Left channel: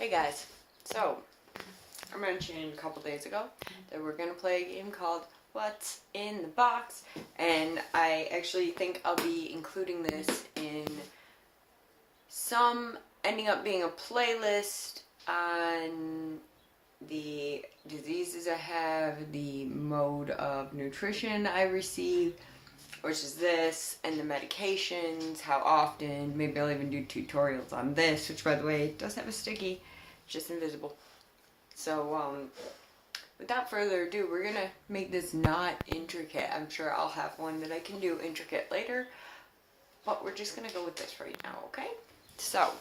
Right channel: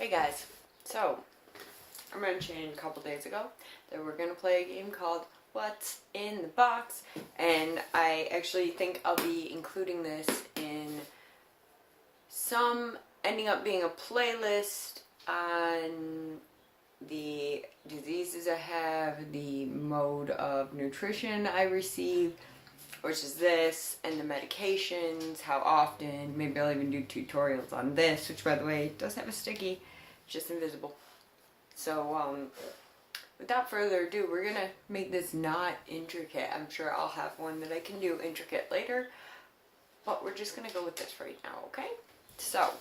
Hey guys, so I mentioned a couple days ago that we're going to play a game called What's in the Box, and I actually think I'll be including this in some ending up being a playlist on the diseases I have, the mode of nutrition I receive, which is this, and the medications, how often. Maybe I'll even do tutorials on this, which by the way does have a sticky, just invisible. So without further ado, we're gonna make this not intricate. I'm sure I'll have one that I can do intricate later, but we're just gonna go with this right now, okay? So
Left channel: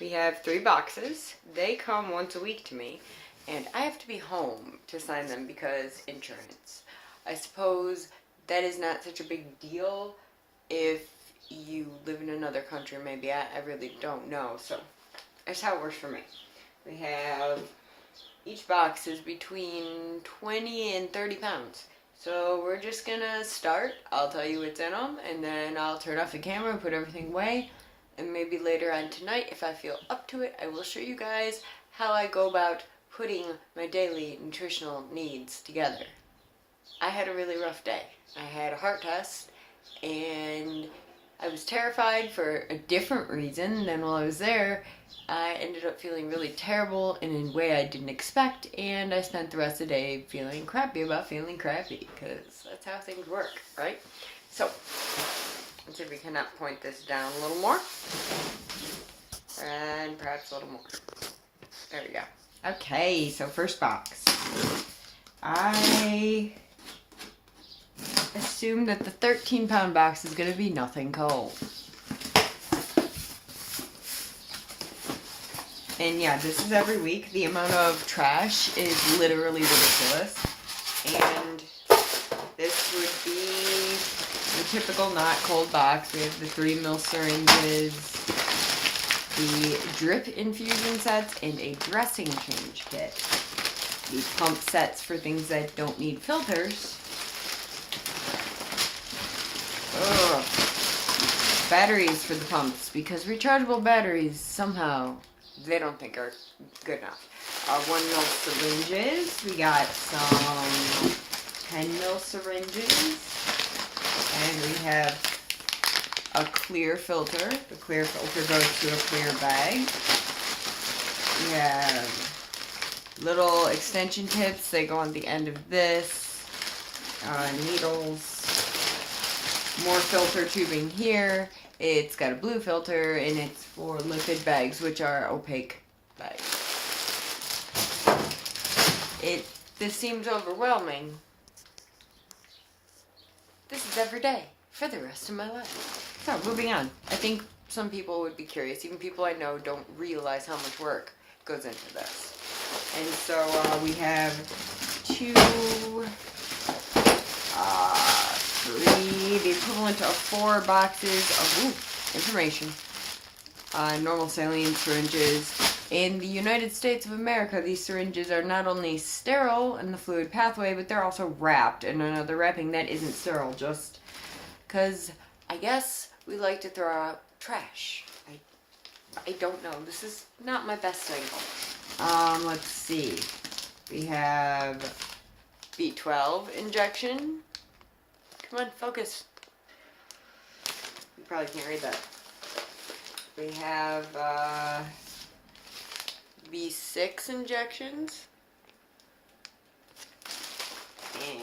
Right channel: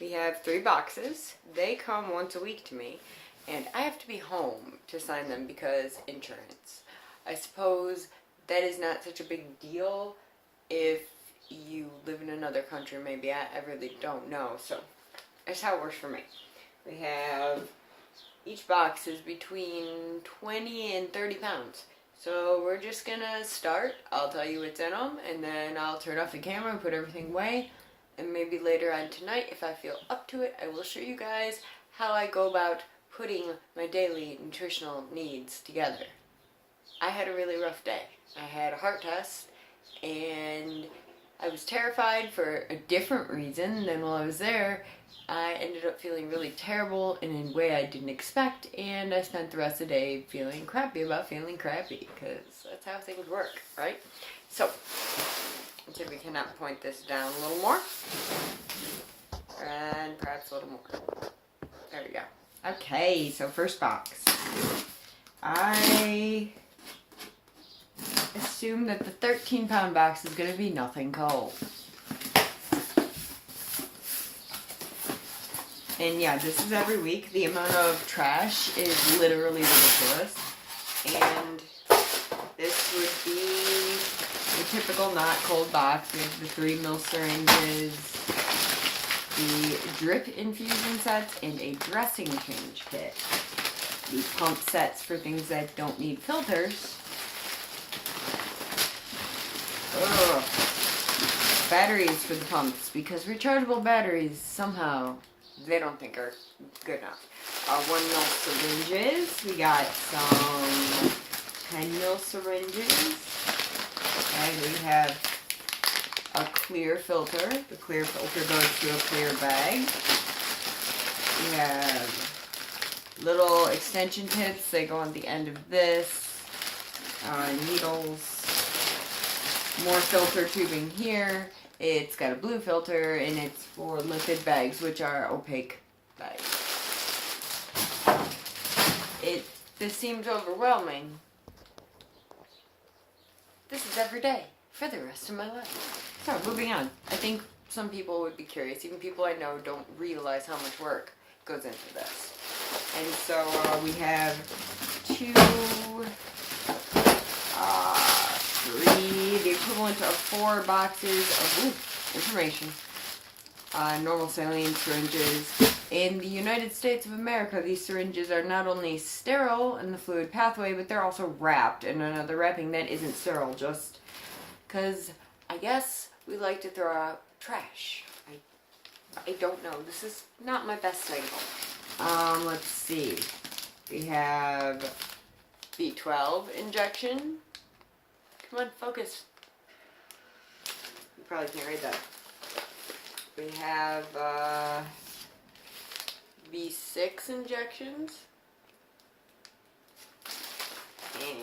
we have 3 boxes. They come once a week to me, and I have to be home to sign them because insurance. I suppose that is not such a big deal if you live in another country, maybe. I really don't know. So that's how it works for me. We have, each box is between 20 and 30 pounds. So we're just gonna start. I'll tell you what's in them, and then I'll turn off the camera and put everything away. And maybe later on tonight, if I feel up to it, I will show you guys how I go about putting my daily nutritional needs together. I had a really rough day. I had a heart test, and I was terrified for a different reason than while I was there. I ended up feeling really terrible in a way I didn't expect, and I spent the rest of the day feeling crappy about feeling crappy, because that's how things work, right? So, let's see if we cannot point this down a little more, and perhaps a little more. There we go. Okay, so first box. I assume that the 13-pound box is going to be nothing cold. And yeah, this is every week. The amount of trash is literally ridiculous. And this would be the typical not cold box with the 3 ml syringes, the drip infusion sets, and a dressing change kit. The pump sets for things that don't need filters. Ugh. Batteries for the pumps, because rechargeable batteries somehow they don't think are good enough. 1 ml syringes. We got some 10 ml syringes, and we have a clear filter. The clear filter goes to a clear bag. We have little extension tips. They go on the end of this. Needles. More filter tubing here. It's got a blue filter, and it's for liquid bags, which are opaque bags. This seems overwhelming. This is every day for the rest of my life. So, moving on. I think some people would be curious. Even people I know don't realize how much work goes into this. And so we have 2, 3, the equivalent of 4 boxes of information. Normal saline syringes. In the United States of America, these syringes are not only sterile in the fluid pathway, but they're also wrapped in another wrapping that isn't sterile, just because I guess we like to throw out trash. I don't know. This is not my best idea. Let's see. We have B12 injection. Come on, focus. You probably can't read that. We have B6 injections. And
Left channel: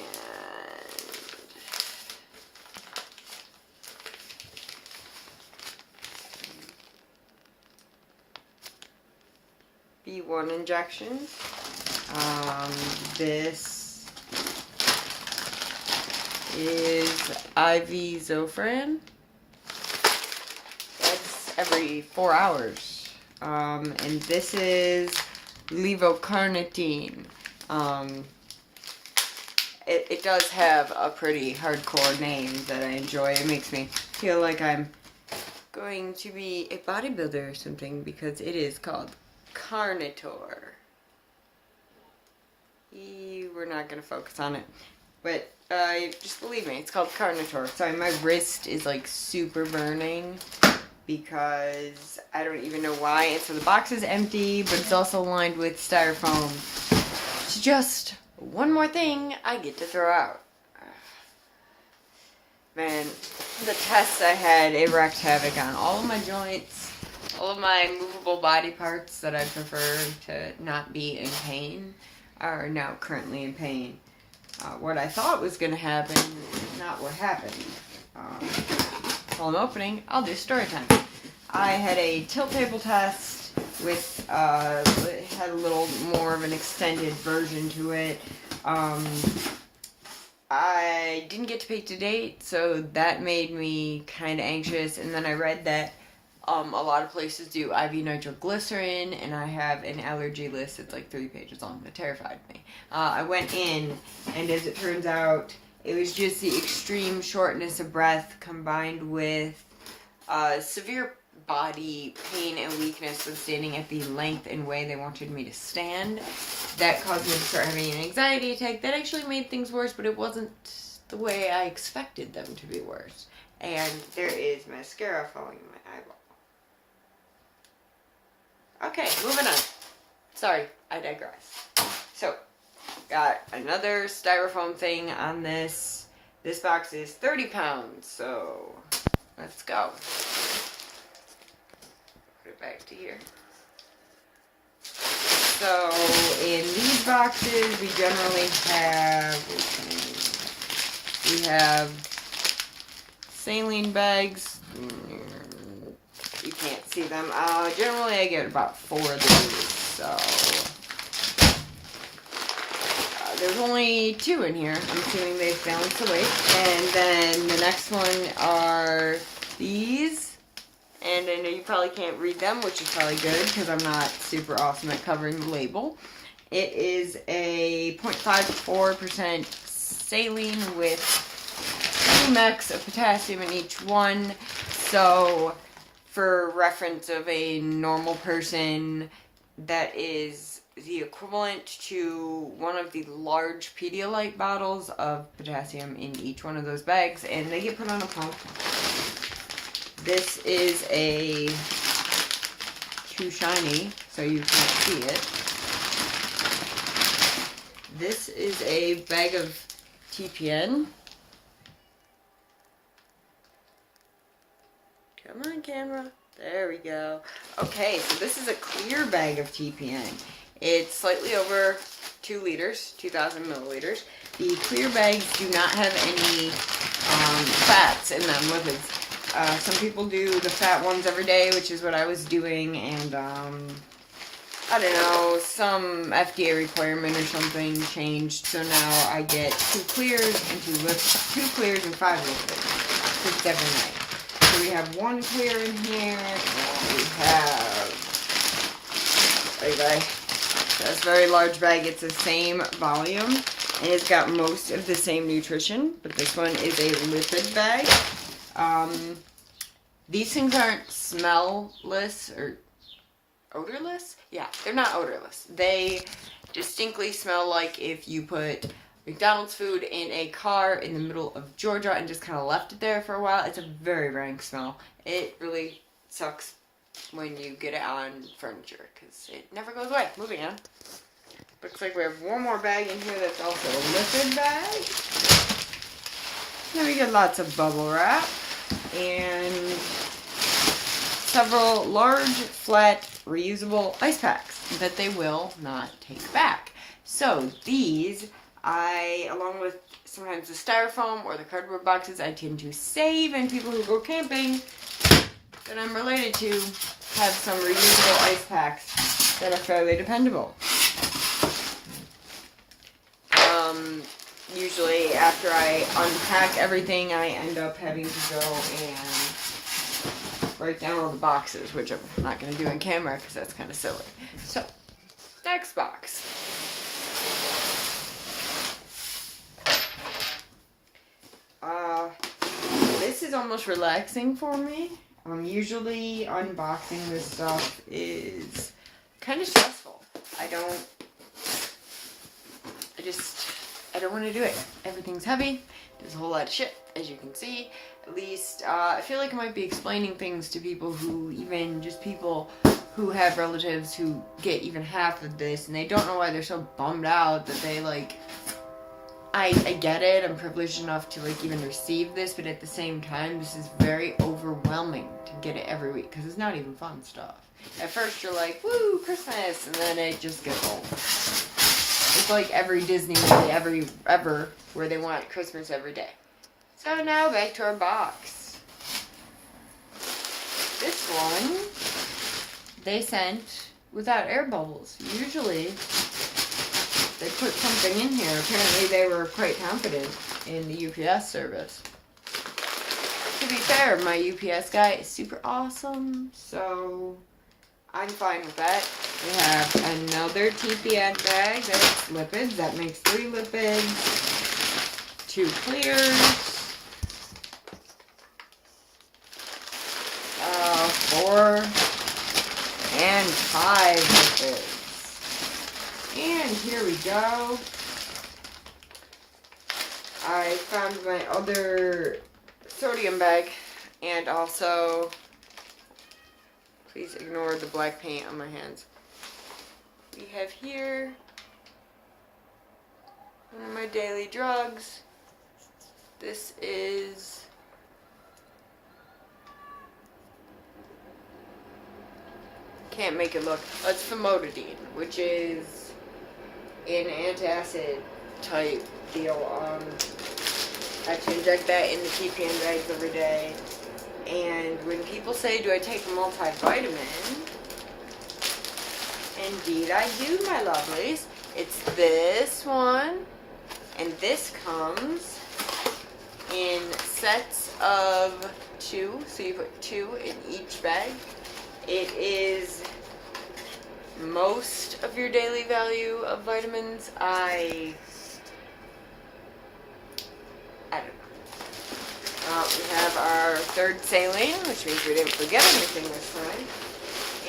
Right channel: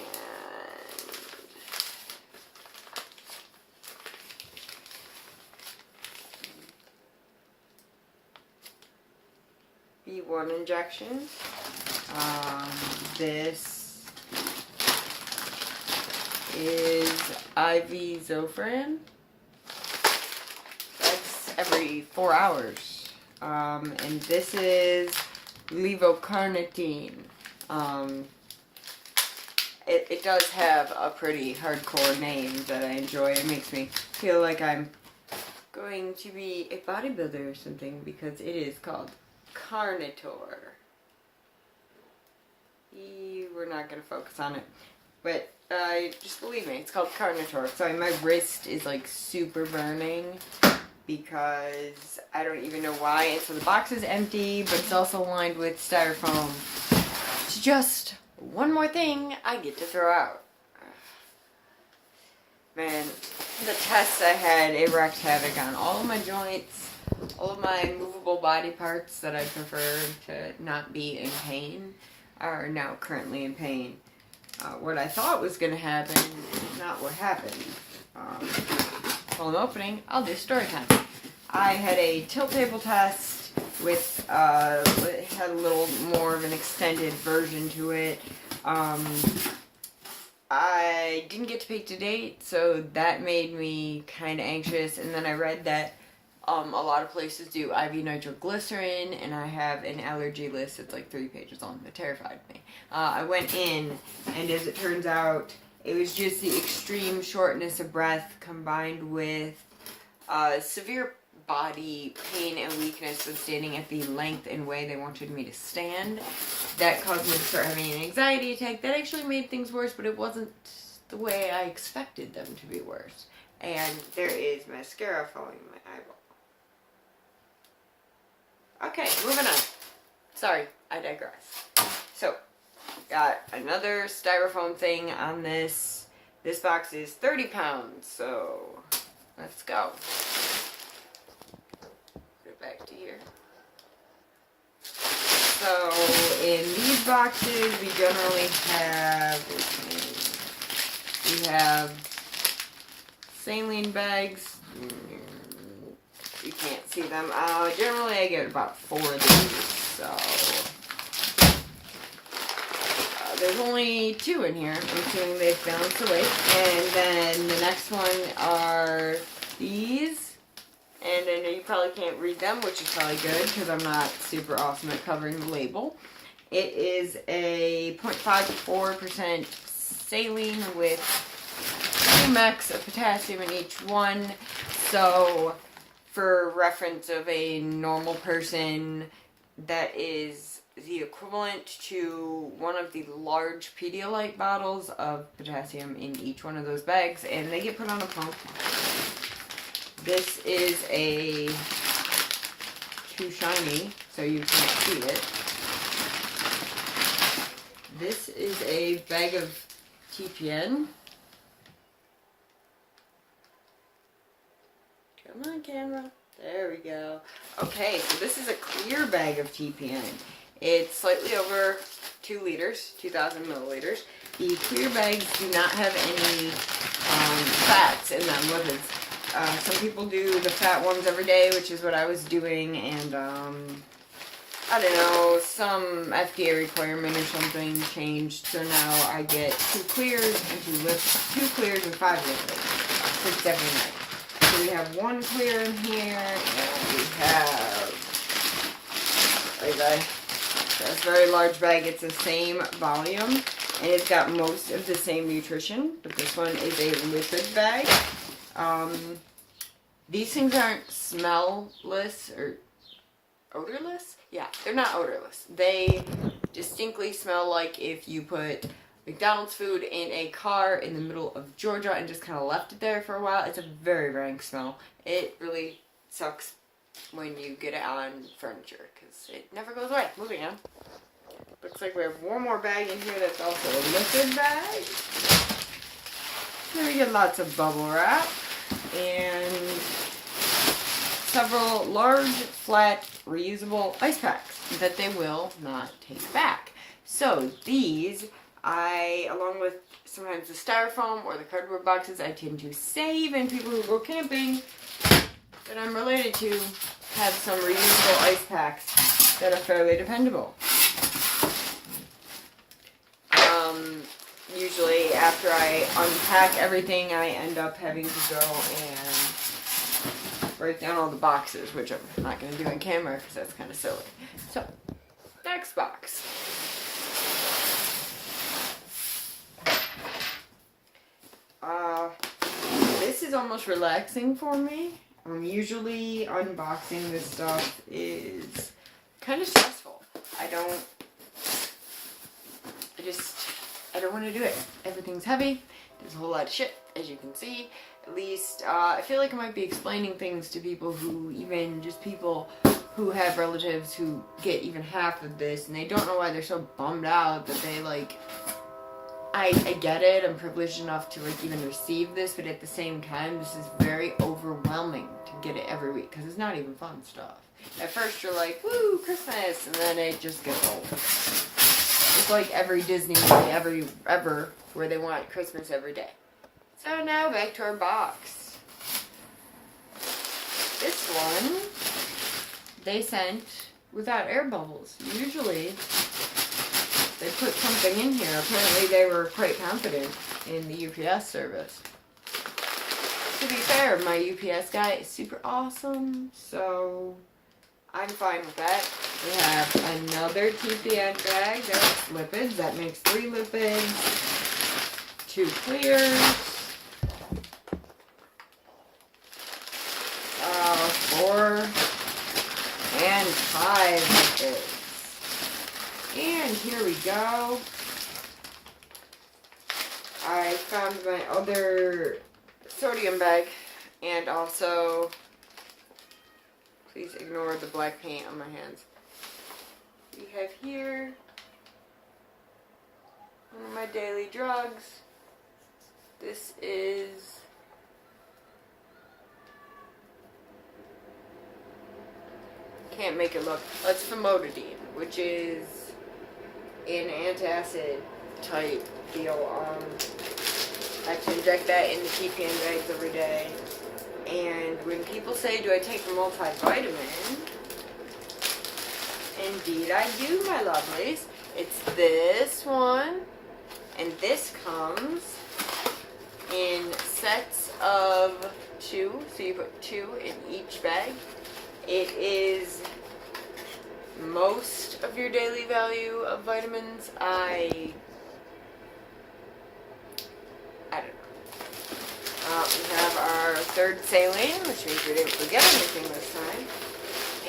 B1 injections. This is IV Zofran. That's every 4 hours. And this is levocarnitine. It does have a pretty hardcore name that I enjoy. It makes me feel like I'm going to be a bodybuilder or something, because it is called Carnitor. We're not going to focus on it. But just believe me, it's called Carnitor. Sorry, my wrist is like super burning. because I don't even know why. And so the box is empty, but it's also lined with styrofoam. It's just one more thing I get to throw out. Man, the tests I had, it wreaked havoc on all of my joints, all of my movable body parts that I prefer to not be in pain are now currently in pain. What I thought was going to happen is not what happened. Phone opening, I'll do story time. I had a tilt table test with, it had a little more of an extended version to it. I didn't get to pick the date, so that made me kind of anxious. And then I read that a lot of places do IV nitroglycerin, and I have an allergy list that's like 3 pages long. That terrified me. I went in, and as it turns out, it was just the extreme shortness of breath combined with severe body pain and weakness when standing at the length and way they wanted me to stand. That caused me to start having an anxiety attack. That actually made things worse, but it wasn't the way I expected them to be worse. And there is mascara falling in my eyeball. Okay, moving on. Sorry, I digress. So, got another styrofoam thing on this. This box is 30 pounds, so let's go. Put it back to here. So, in these boxes, we generally have, saline bags. You can't see them. Generally, I get about 4 of these, so there's only 2 in here. I'm assuming they've balanced the weight. And then the next one are these. And I know you probably can't read them, which is probably good because I'm not super awesome at covering the label. It is a 0.54% saline with 20 mg of potassium in each one. So, for reference of a normal person, that is the equivalent to one of the large Pedialyte bottles of potassium in each one of those bags, and they get put on a pump. This is too shiny, so you can't see it. This is a bag of TPN. Come on, camera. There we go. Okay, so this is a clear bag of TPN. It's slightly over 2 liters, 2,000 milliliters. The clear bags do not have any fats in them, lipids. Some people do the fat ones every day, which is what I was doing, and I don't know, some FDA requirement or something changed, so now I get 2 clears and 2 clears and 5 liquids. 6 every night. So we have 1 clear in here, and we have this very large bag. It's the same volume, and it's got most of the same nutrition, but this one is a lipid bag. These things aren't smell-less or odorless. Yeah, they're not odorless. They distinctly smell like if you put McDonald's food in a car in the middle of Georgia and just kind of left it there for a while. It's a very rank smell. It really sucks when you get it on furniture because it never goes away. Moving on. Looks like we have one more bag in here that's also a liquid bag. Then we get lots of bubble wrap and several large, flat, reusable ice packs that they will not take back. So these, along with sometimes the styrofoam or the cardboard boxes, I tend to save, and people who go camping that I'm related to have some reusable ice packs that are fairly dependable. Usually after I unpack everything, I end up having to go and break down all the boxes, which I'm not going to do on camera because that's kind of silly. So, next box. This is almost relaxing for me. Usually unboxing this stuff is kind of stressful. I don't want to do it. Everything's heavy. There's a whole lot of shit, as you can see. At least, I feel like I might be explaining things to people who, even just people who have relatives who get even half of this, and they don't know why they're so bummed out that they, like, I get it, I'm privileged enough to, like, even receive this, but at the same time, this is very overwhelming to get it every week, because it's not even fun stuff. At first, you're like, woo, Christmas, and then it just gets old. It's like every Disney movie ever, where they want Christmas every day. So now, back to our box. This one, they sent without air bubbles. Usually, they put something in here. Apparently, they were quite confident in the UPS service. To be fair, my UPS guy is super awesome, so I'm fine with that. We have another TPF bag that's lipids. That makes 3 lipids, 2 clears, 4, and 5 lipids. And here we go. I found my other sodium bag, and also, please ignore the black paint on my hands. We have here one of my daily drugs. This is can't make it look. It's famotidine, which is an antacid type deal. I have to inject that in the TPN bags every day. And when people say, do I take a multivitamin? Indeed I do, my lovelies. It's this one. And this comes in sets of 2. So you put 2 in each bag. It is most of your daily value of vitamins. I don't know. We have our third saline, which means we didn't forget anything this time.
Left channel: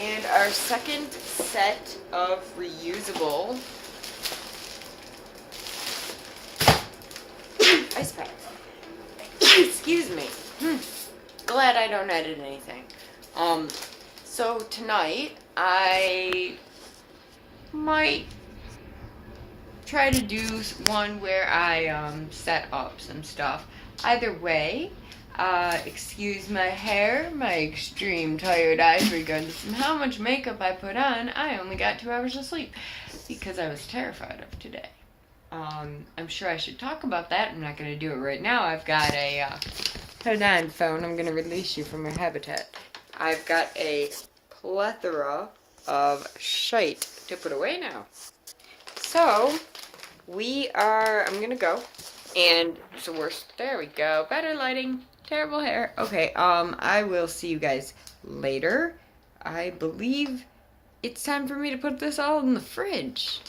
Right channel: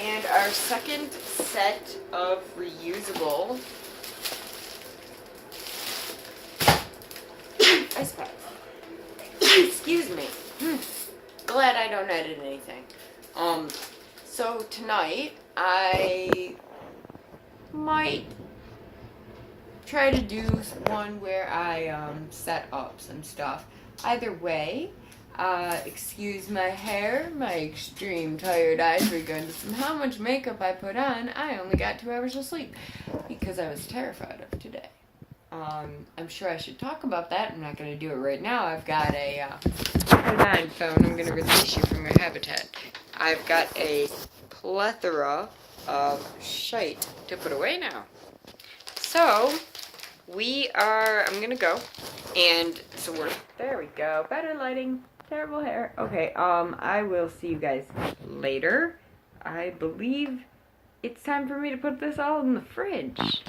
And our second set of reusable ice packs. Excuse me. Glad I don't edit anything. So tonight, I might try to do one where I set up some stuff. Either way, excuse my hair, my extreme tired eyes, regardless of how much makeup I put on. I only got 2 hours of sleep because I was terrified of today. I'm sure I should talk about that. I'm not going to do it right now. I've got a, hold on phone, I'm going to release you from your habitat. I've got a plethora of shite to put away now. So, I'm going to go. And so there we go. Better lighting. Terrible hair. Okay, I will see you guys later. I believe it's time for me to put this all in the fridge.